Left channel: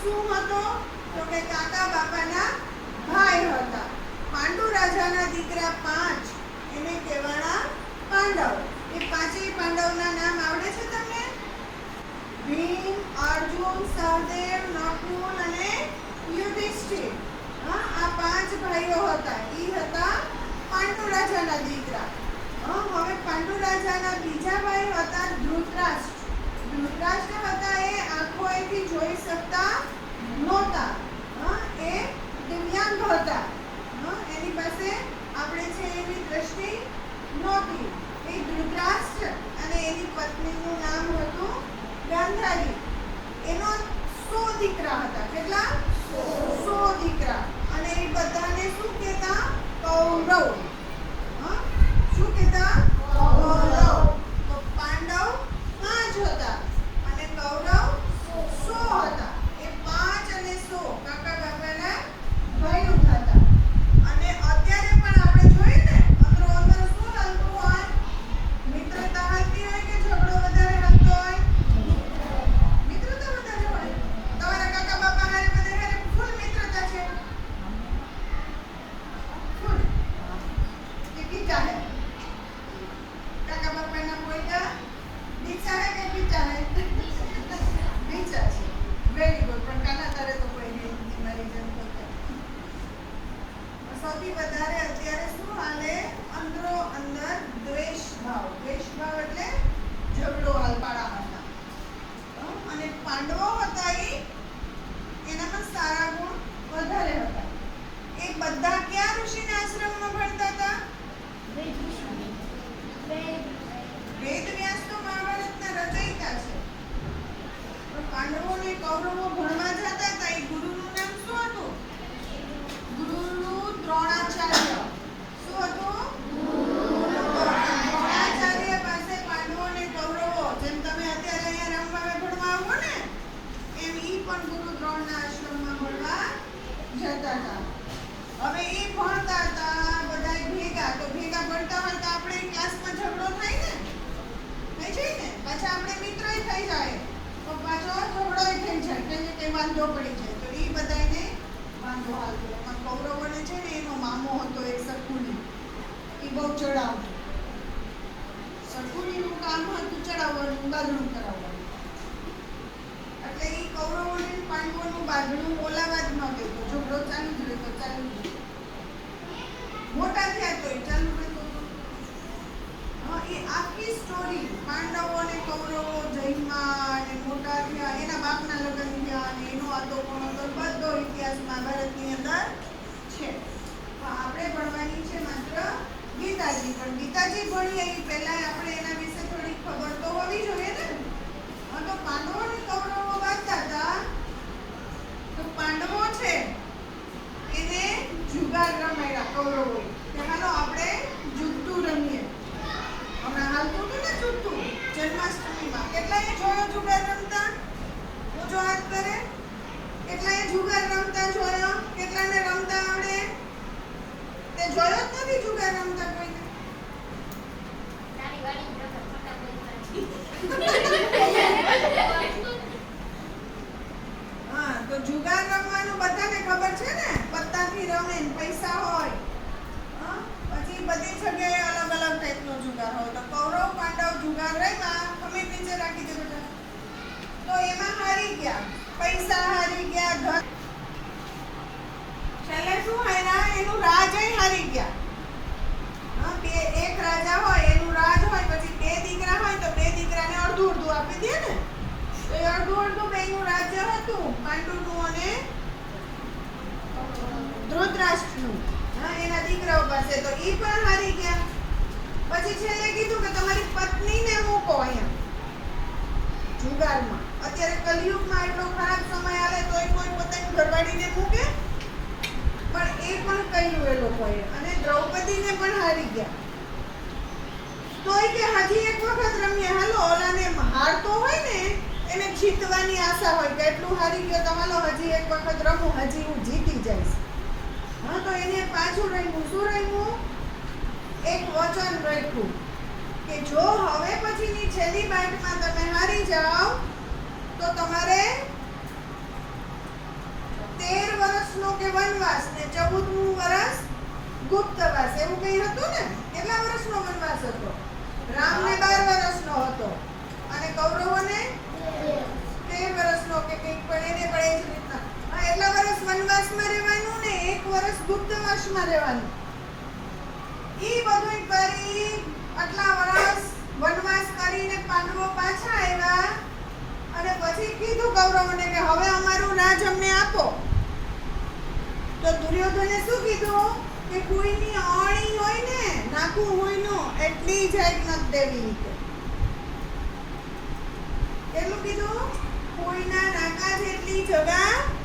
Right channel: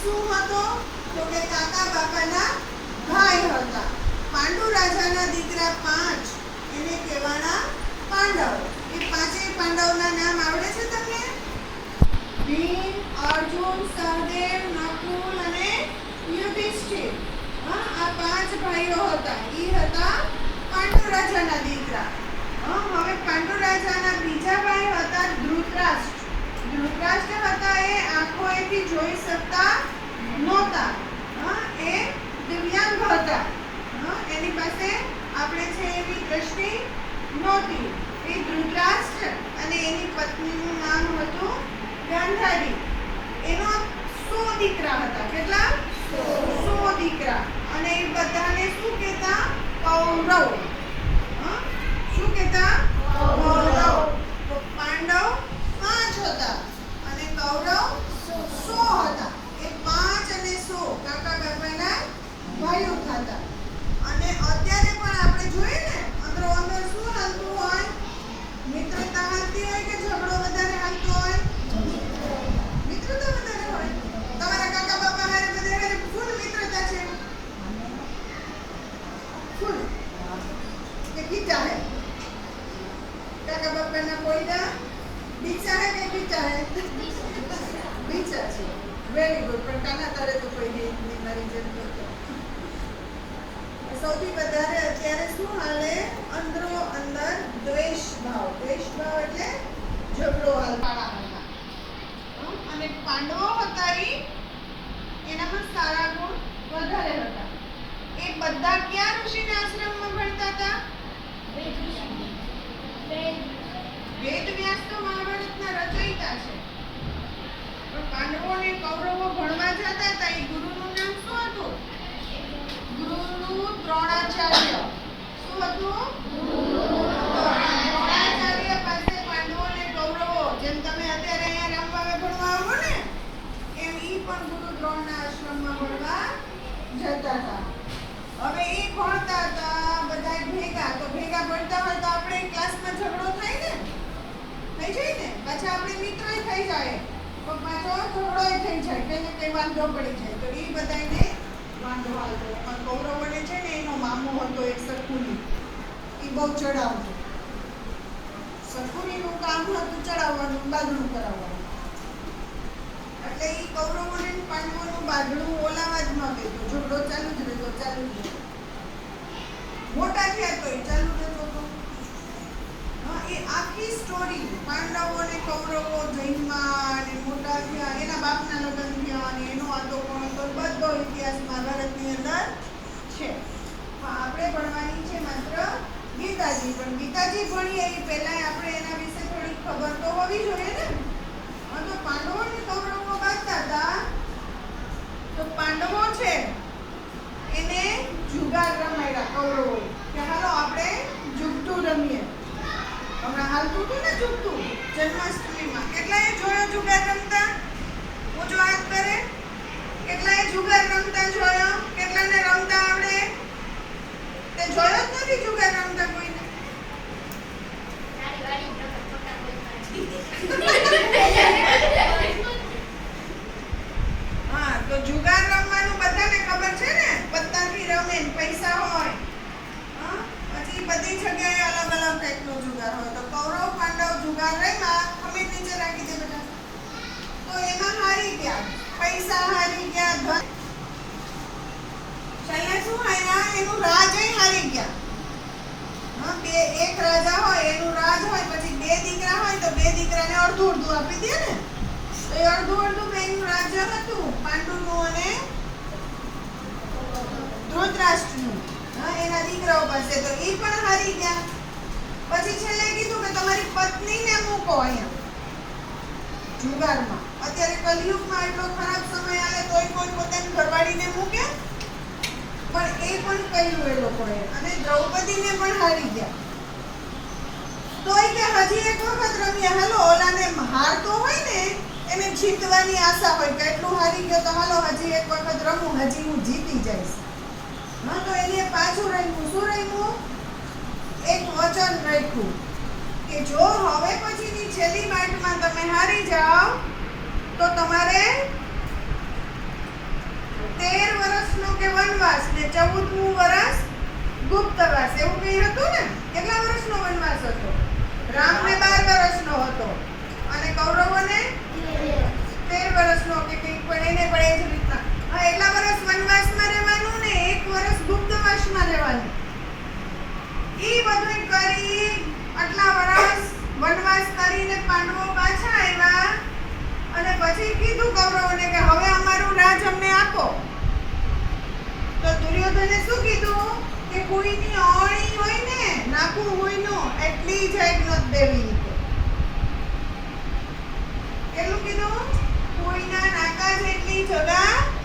શું હતો તો કે કાકા બાપાના ભાઈ હતા. પાંડુ રાજાના દીકરા પાંચ, એને કહેવાના પાંડવ. એ પાંચેય પાંડવના નામ આવડે છે તમને? ભીમ, અર્જુન, સહદેવ, નકુલ અને યુધિષ્ઠિર. હા, આ પાંચ ભાઈઓ હતા. એ હતા પાંડુ રાજાના દીકરા. હવે પાંડુ રાજાના બીજા ભાઈ હતા ધૃતરાષ્ટ્ર. ધૃતરાષ્ટ્ર હતા એ આંખોએથી જોઈ શકતા નહોતા. એ દિવ્યાંગ હતા. એની પાસે આપણે છે એની દ્રષ્ટિ નહોતી. એ ધૃતરાષ્ટ્ર અને એની પત્નીનું નામ હતું ગાંધારી. એનો સો દીકરા હતા. કેટલા? સો દીકરા. અને એ બધાને શું કહેતા? કૌરવ? શું કહેતા? કૌરવ. બધા એ ભણતા હતા ભેગા. તો ભેગા ભણતા હોય તો આપણે ઝઘડો થાય ને? પાછા જાય. કે વાંધો પડી જાય. તો એ બધાને વાંધો આવતો પણ કૌરવોને છે ને, એનો મામો હતો એક સરખુની. એ બહુ ચડાવતો નું કામ હતું ચડાવવાનું બાંધણું કરાવવાનું એટલે એ કૌરવોને ને પાંડવોનું બાંધણું ઓલાવા જ ન દેતો ચાલુ જ રહેતો ચાલુ જ મોટા થયા તોય ચાલુ રહેતો હતો હા, એ આખી સ્ટોરી પાંડવો અને કૌરવો જન્મમાં અને મોટા થયા એના બાપના લગ્ન થયા અને એનો આતો કોણ હતો બધો ઇતિહાસ મહાભારતની અંદર છે હા, આપણે ભણવાની છે માત્ર ગીતાજી પણ ગીતાજી ભણીએ એ પહેલા આપણે એના વિશે થોડી ખબર તો હોવી જોઈએ ને હા, તો પાંડવો અને કૌરવો બાંધતા હતા તો પાંડવો છે એને જુગાર રમાડ્યા કૌરવોએ કે હાલો આપણે જુગતું રમીએ હમણાં હાલતું હતું ને જુગતું જન્માષ્ટમીમાં કેટલાએ જોયો જુગાર રમતા ઊંચો હાથ કરે કેટલાએ જુગાર રમતા જોયો કેટલાને રમતા આવડે તે જોયો જ નથી જુગાર રમતા કોઈને હા તો જુગાર રમવાનું બધાને ખબર છે ને પત્તાથી રમે ને પૈસા હોય હા? પછી બધી જગ્યાએ અલગ અલગ ટાઈપનો જુગાર હોય તો કૌરવ પાંડવ જુગાર રમ્યા અમે નીચે રાખી દે બેટા તો એમાં હારી ગયા પૈસા હારી ગયા ધન છેલ્લે શું હાર્યા એનું રાજય હારી ગયા. બે એક રાજા હોય, એનું રાજ હોય, પછી બે દીકરા હોય, તો બે દીકરાને અડધું અડધું આપી દે ને. એ અડધું અડધું બેનું રાજ્ય હતું, પાંડુનું અને ધૃતરાષ્ટ્રનું. એના દીકરાઓ પાસે. તો એ પણ હારી ગયા. પછી છેલ્લે કીધું કે તમારી પત્નીને મૂકો અહીંયા. જુગારમાં. અત્યારે કલયુગમાં એટલો ખરાબ સમય આવે, તોય કોઈ પોતાની ઘરવાળીને મૂકે. પણ એ પણ કહ્યું એ લોકોએ. અને દ્રૌપદીને પણ હારી ગયા. તો એ કે હજી એક વખત રમીએ હાલો, ઓલાને હારતો હોય ને, એને જીતવાની આશા હોય કે એટલું હારી ગયો તો હાલો, હજી એક વખત રમું, હજી હું જીતી જઈશ. હા, તો એને પાછું રહ્યું શું રહ્યું એક વચન રાખ્યું કે જો હવે પછીની છેલ્લી મેચમાં તમે હારી જાઓ, તો તમારે વનવાસ ને ચૌદમું વર્ષ ગુપ્તવાસ એવું કંઈ હતું ને? કેટલા વર્ષનો વનવાસ હતો? રામને બાર વર્ષનો હતો. અને કૌરવોને? તેર વર્ષનો કે કંઈક પણ, એને પણ એ જ રીતના. હા, એટલા વર્ષ વનવાસમાં રહેવાનું ને એક વર્ષ ગુપ્તવાસમાં રહેવાનું. એ બધું કરી આટલા વર્ષ વનવાસ કરીને પાંડવો પાછા આવ્યા અને પછી કીધું કૌરવોને કે હવે અમારું રાજ અમને આપો. તો દુર્યોધને શું કીધું? કે કોઈની અણી હોય ને, નાખું હોય નો એટલી જાય નથી દેવી. કેટલું કીધું? કોઈના નાકા જેટલી જગા